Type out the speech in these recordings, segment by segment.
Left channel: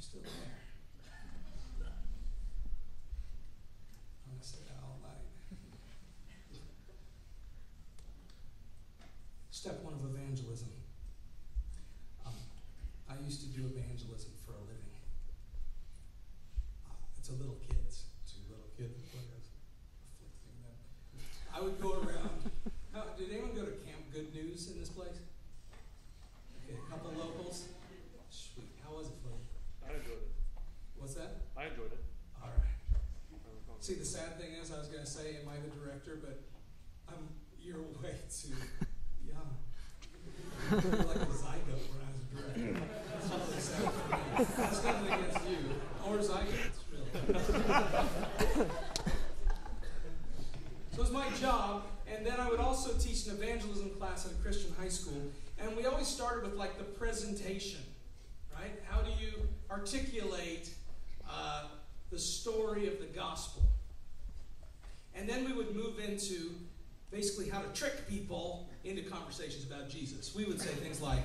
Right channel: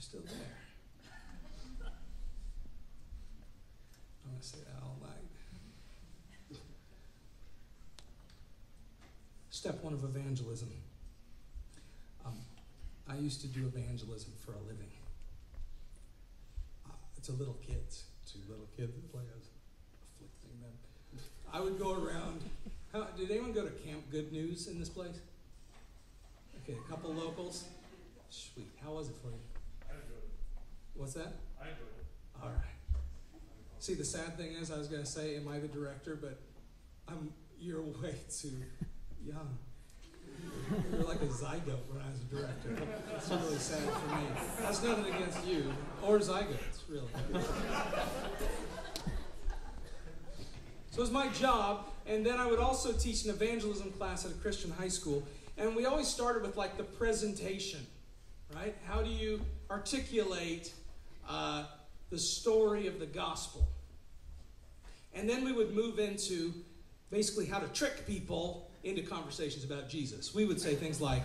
you're still there. I'm going to say that all night. Step one of evangelism. I used to do evangelism for a living. It's a little kids. Two little kids that play us, afflicting them. I would go around. Did anyone go to Camp Good News in this place? Okay, a couple locals. Sweet. How was it for you? I enjoyed it. What's that? I enjoyed it. All right. See, the sad thing is, I was going to say, am I the director? But you're way too young. You're like a zygote when I was a director. It's really sad for me. That's nothing against you or zygotes, really. So it was my job, and then I would also teach an evangelism class at a Christian high school, and we always started with like the presentation, right? How do you articulate the story of the gospel? And then we would move into basically how to trick people into conversations about Jesus. We would say things like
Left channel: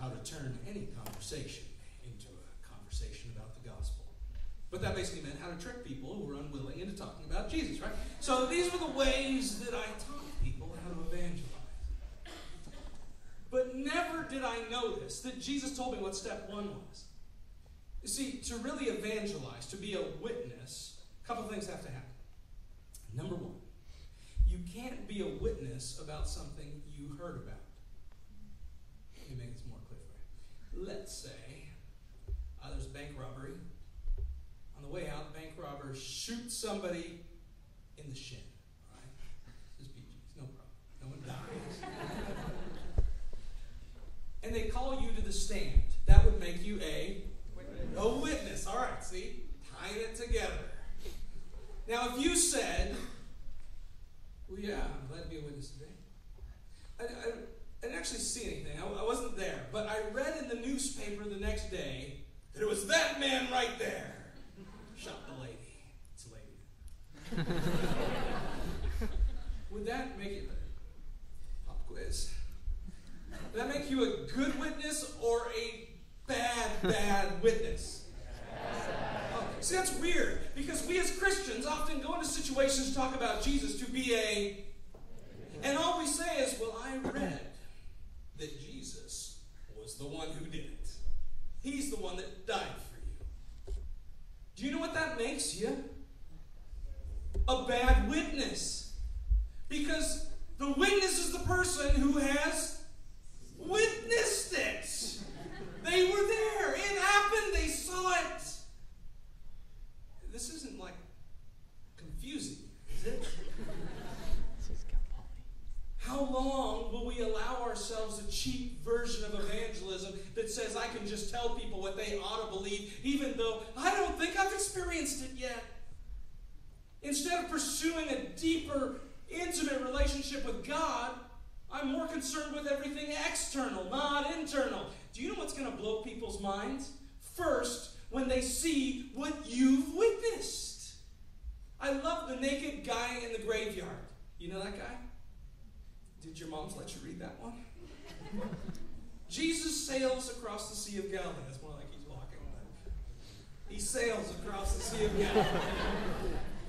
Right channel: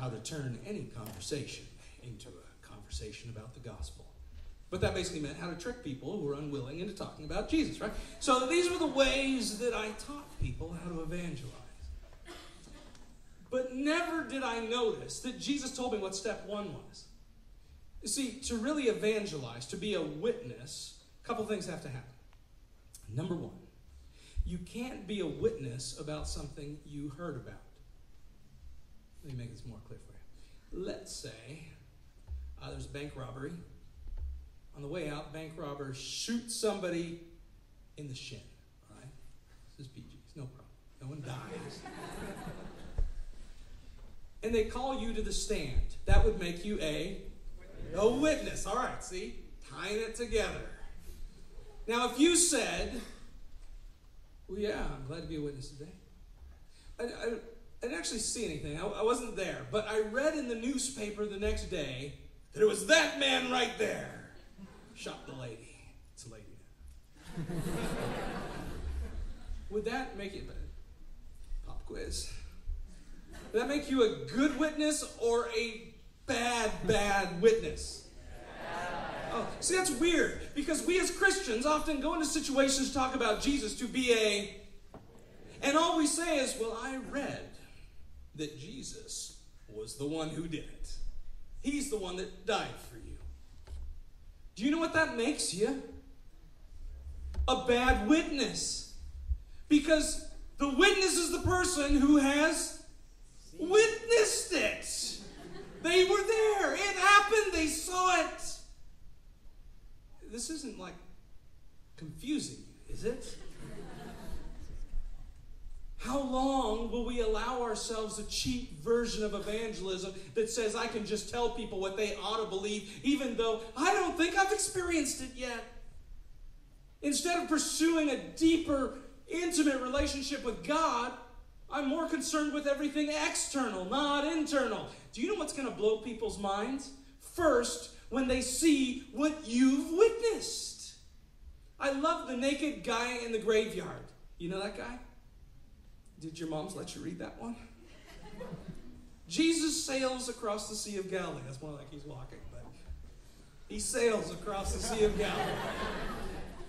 how to turn any conversation into a conversation about the gospel. But that basically meant how to trick people who were unwilling into talking about Jesus, right? So these were the ways that I taught people how to evangelize. But never did I notice that Jesus told me what step one was. You see, to really evangelize, to be a witness, a couple things have to happen. Number one, you can't be a witness about something you heard about. Let me make this more clear for you. Let's say there's a bank robbery. On the way out, the bank robber shoots somebody in the shin. All right? This is PG. No problem. No one dies. And they call you to the stand. That would make you a witness. All right, see? Tying it together. Now, if you said, well, yeah, I'm glad to be a witness today. I didn't actually see anything. I wasn't there. But I read in the newspaper the next day that it was that man right there. Shot the lady. It's a lady. Would that make it better? Pop quiz. Would that make you a good witness or a bad witness? Oh, see, that's weird, because we as Christians often go into situations to talk about Jesus to be and all we say is, well, I read that Jesus was the one who did it. He's the one that died for you. Do you know what that makes you? A bad witness. Because the witness is the person who has witnessed it. They were there. It happened. They saw it. This isn't like confusing you, is it? How long will we allow ourselves a cheap version of evangelism that says I can just tell people what they ought to believe, even though I don't think I've experienced it yet? Instead of pursuing a deeper, intimate relationship with God, I'm more concerned with everything external, not internal. Do you know what's going to blow people's minds? First, when they see what you've witnessed. I love the naked guy in the graveyard. You know that guy? Did your moms let you read that one? Jesus sails across the Sea of Galilee. That's more like he's walking, but he sails across the Sea of Galilee.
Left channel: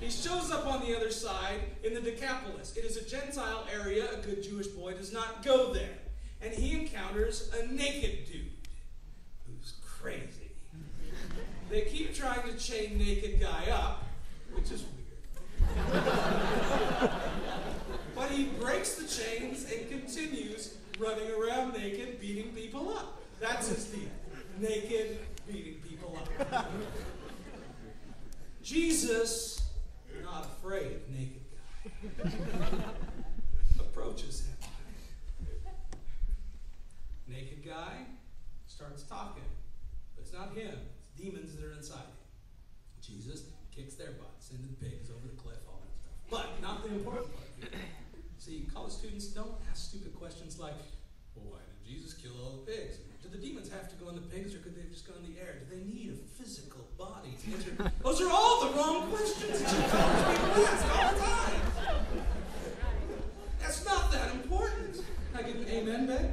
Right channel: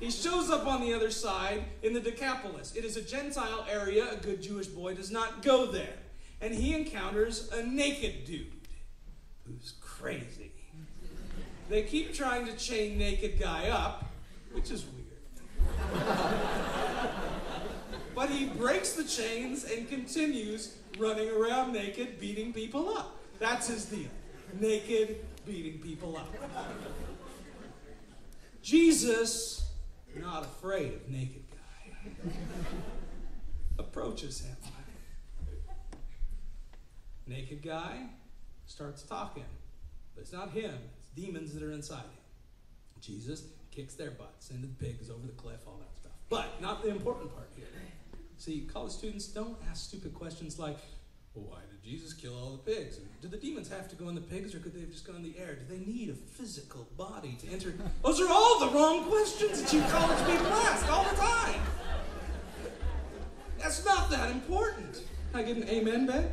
He shows up on the other side in the Decapolis. It is a Gentile area. A good Jewish boy does not go there. And he encounters a naked dude who's crazy. They keep trying to chain naked guy up, which is weird. But he breaks the chains and continues running around naked, beating people up. That's his deal. Naked, beating people up. Jesus, not afraid of naked guy, approaches him. Naked guy starts talking. But it's not him. It's demons that are inside him. Jesus kicks their butts into the pigs over the cliff, all that stuff. But not the important part here. See, college students, don't ask stupid questions like, well, why did Jesus kill all the pigs? And did the demons have to go in the pigs, or could they have just gone in the air? Do they need a physical body to answer? Those are all the wrong questions that you college people ask all the time. That's not that important. Can I get an amen, Ben?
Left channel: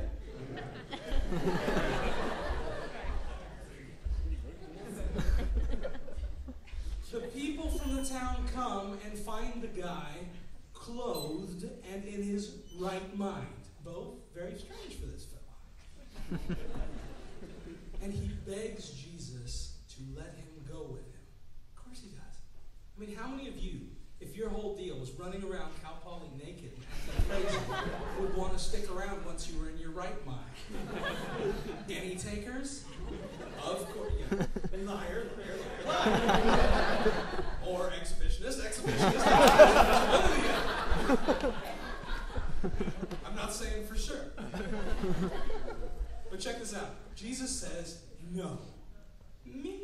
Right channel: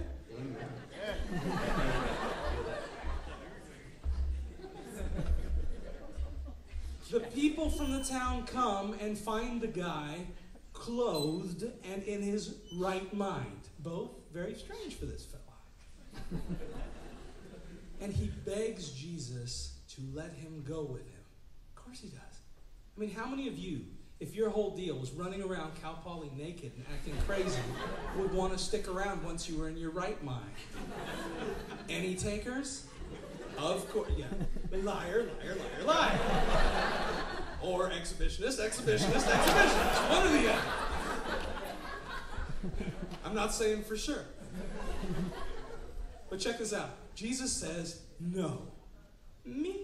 people from the town come and find the guy clothed and in his right mind. Both very strange for this fella. And he begs Jesus to let him go with him. Of course he does. I mean, how many of you, if your whole deal was running around Cal Poly naked and acting crazy, would want to stick around once you were in your right mind? Any takers? Of course, yeah. Liar, liar, liar, liar. Or exhibitionist, exhibitionist, exhibitionist. One or the other. I'm not saying for sure. But check this out. Jesus says, no. Me.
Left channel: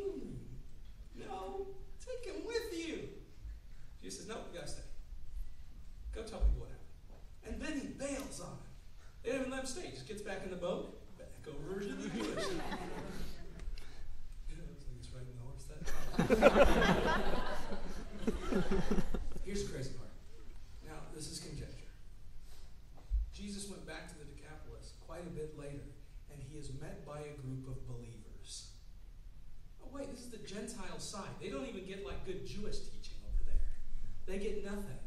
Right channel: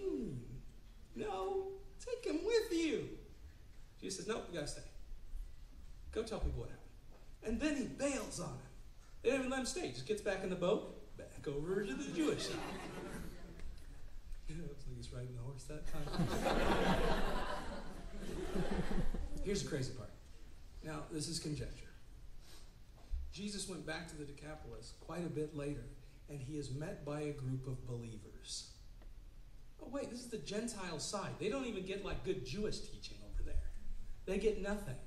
No. Take him with you. Jesus says, nope, you gotta stay. Go tell people what happened. And then he bails on him. They didn't even let him stay. He just gets back in the boat, back over to the Jewish side. It looks like he's riding the horse that time. Here's the crazy part. Now, this is conjecture. Jesus went back to the Decapolis quite a bit later, and he is met by a group of believers. Oh, wait, this is the Gentile side. They don't even get like good Jewish teaching over there. They get nothing.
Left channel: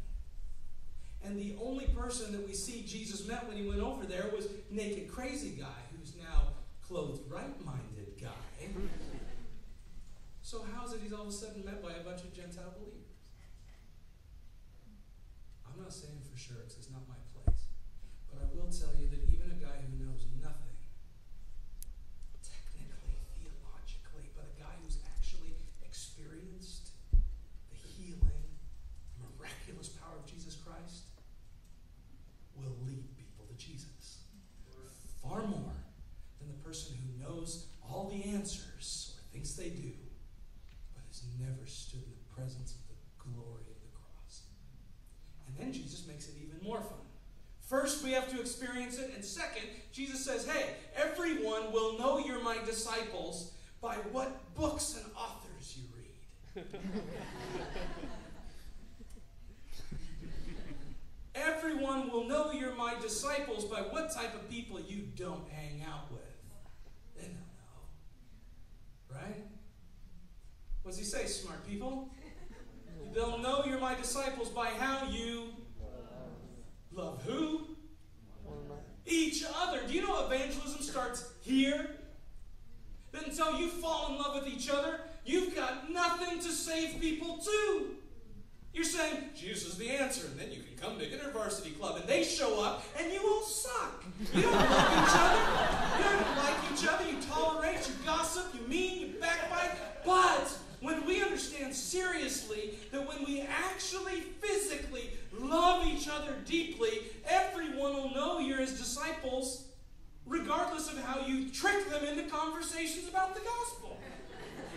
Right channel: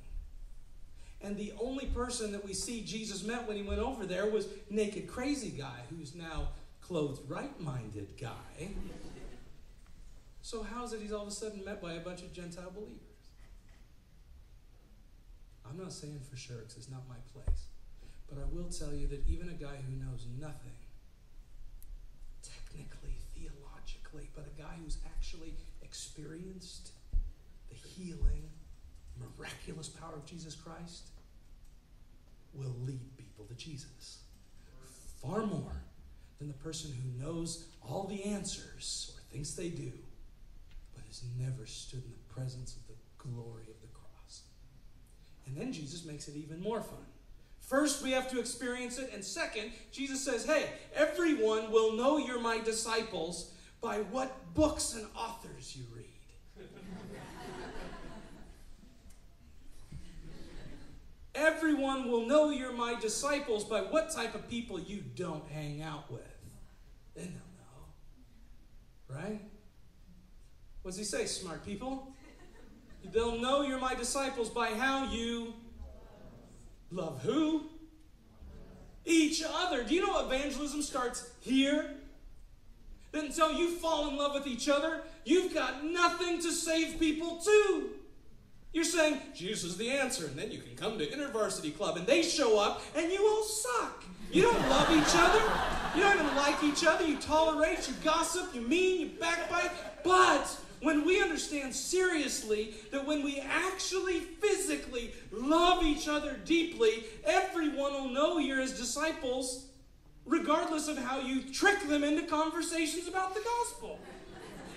And the only person that we see Jesus met when he went over there was naked crazy guy, who's now clothed right-minded guy. So how is it he's all of a sudden met by a bunch of Gentile believers? I'm not saying for sure, because it's not my place. But I will tell you that even a guy who knows nothing, technically, theologically, but a guy who's actually experienced the healing, miraculous power of Jesus Christ, will lead people to Jesus. Far more than the person who knows all the answers, or thinks they do, but has never stood in the presence of the glory of the cross. And then Jesus makes it even more fun. First, we have to experience it, and second, Jesus says, hey, everyone will know you're my disciples by what books and authors you read. Everyone will know you're my disciples by what type of people you don't hang out with. They don't know. Right? What does he say, smart people? They'll know you're my disciples by how you love who? Each other. Do you know evangelism starts here? That until you fall in love with each other, you've got nothing to save people to. You're saying, Jesus is the answer, and then you can come to InterVarsity Club, and they show up, and you all suck. You don't love each other. You don't even like each other. You tolerate, you gossip, you mean, you backbite. But when we understand seriously that when we actually physically love each other deeply, everyone will know you're his disciples, regardless of how you trick them into conversations about the gospel.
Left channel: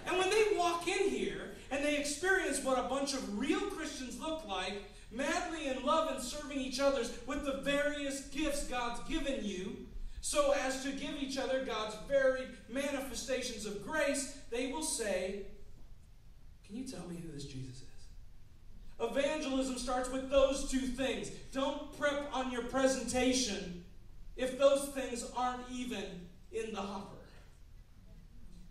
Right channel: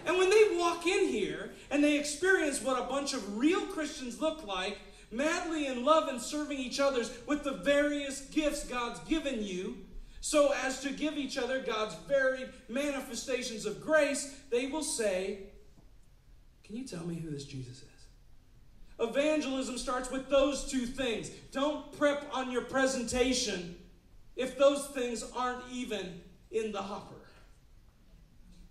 And when they walk in here and they experience what a bunch of real Christians look like, madly in love and serving each other with the various gifts God's given you, so as to give each other God's varied manifestations of grace, they will say, can you tell me who this Jesus is? Evangelism starts with those two things. Don't prep on your presentation if those things aren't even in the hopper.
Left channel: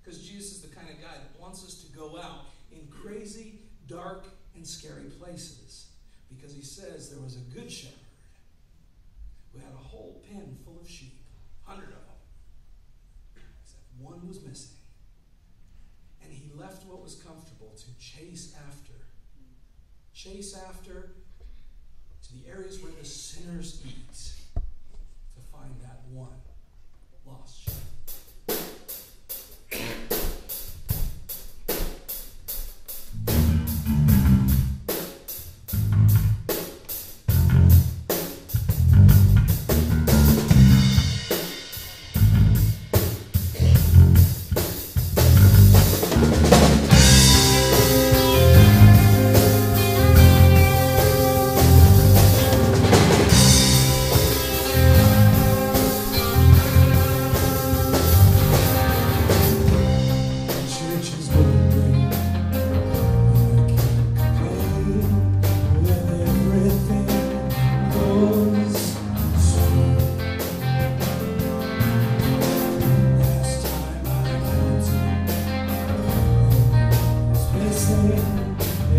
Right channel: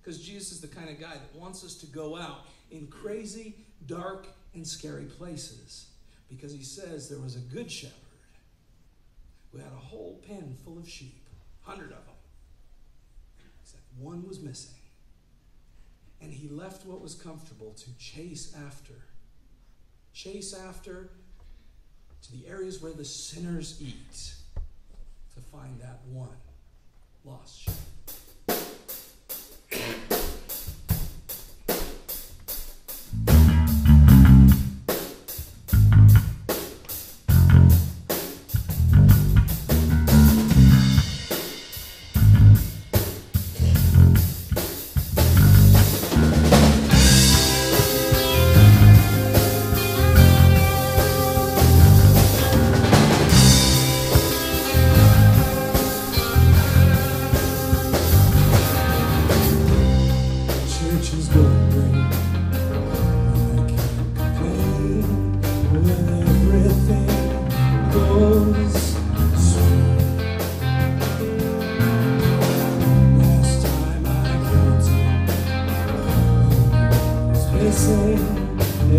Because Jesus is the kind of guy that wants us to go out in crazy, dark, and scary places. Because he says there was a good shepherd who had a whole pen full of sheep, 100 of them. Except one was missing. And he left what was comfortable to chase after to the areas where the sinners eat, to find that one lost sheep.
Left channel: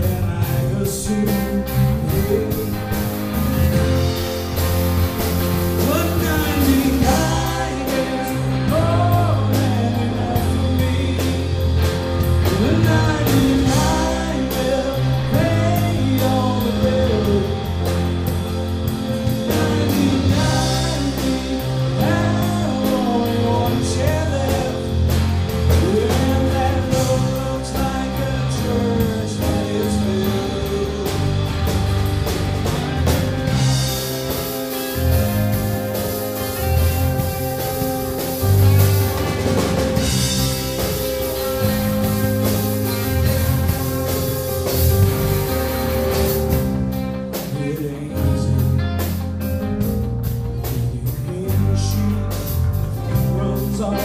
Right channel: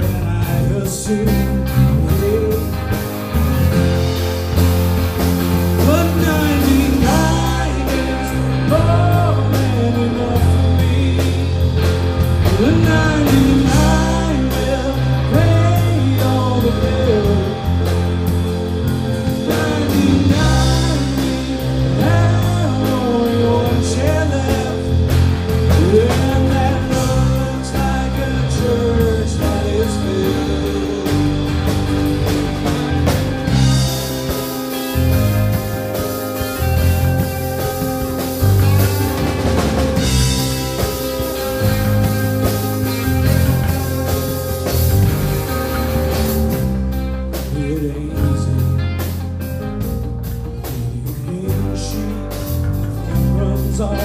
and I assume but 99 is more than enough for me. The 99 will pay all the bills. 99 we have only one chair left, and that looks like a church that is filled. It ain't easy reading a sheet that runs off.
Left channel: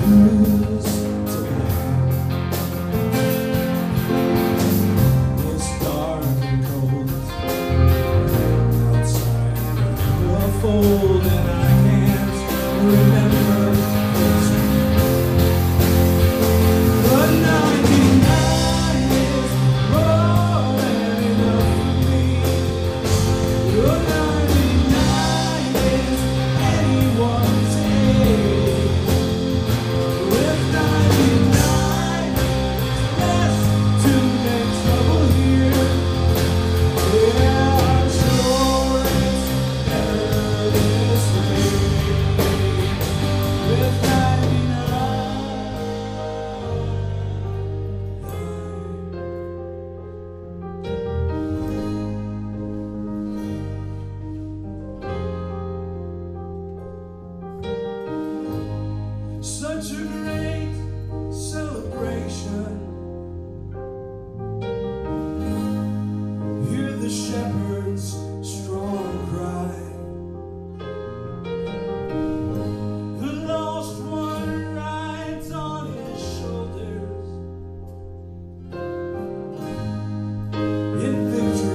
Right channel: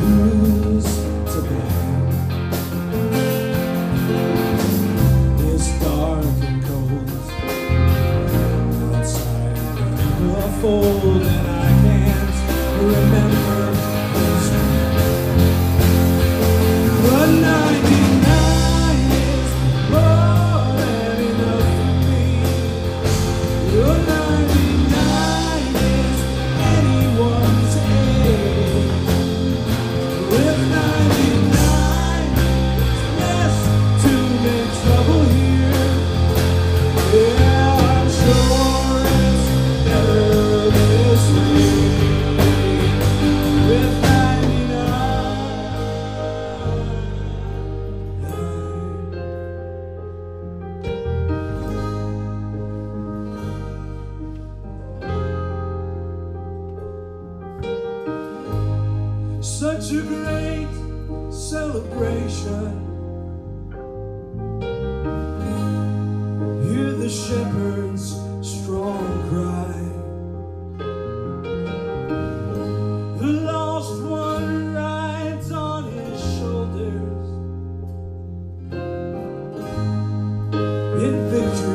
Who's to blame? It's dark and cold outside the fold, and I can't remember his name. But 99 is more than enough for me. Your 99 is anyone's age. With 99, it's less to make trouble here. Yeah, I'm sure it's better this way. With 99. Such a great celebration. Hear the shepherd's strong cry. The lost one rides on his shoulders in victory.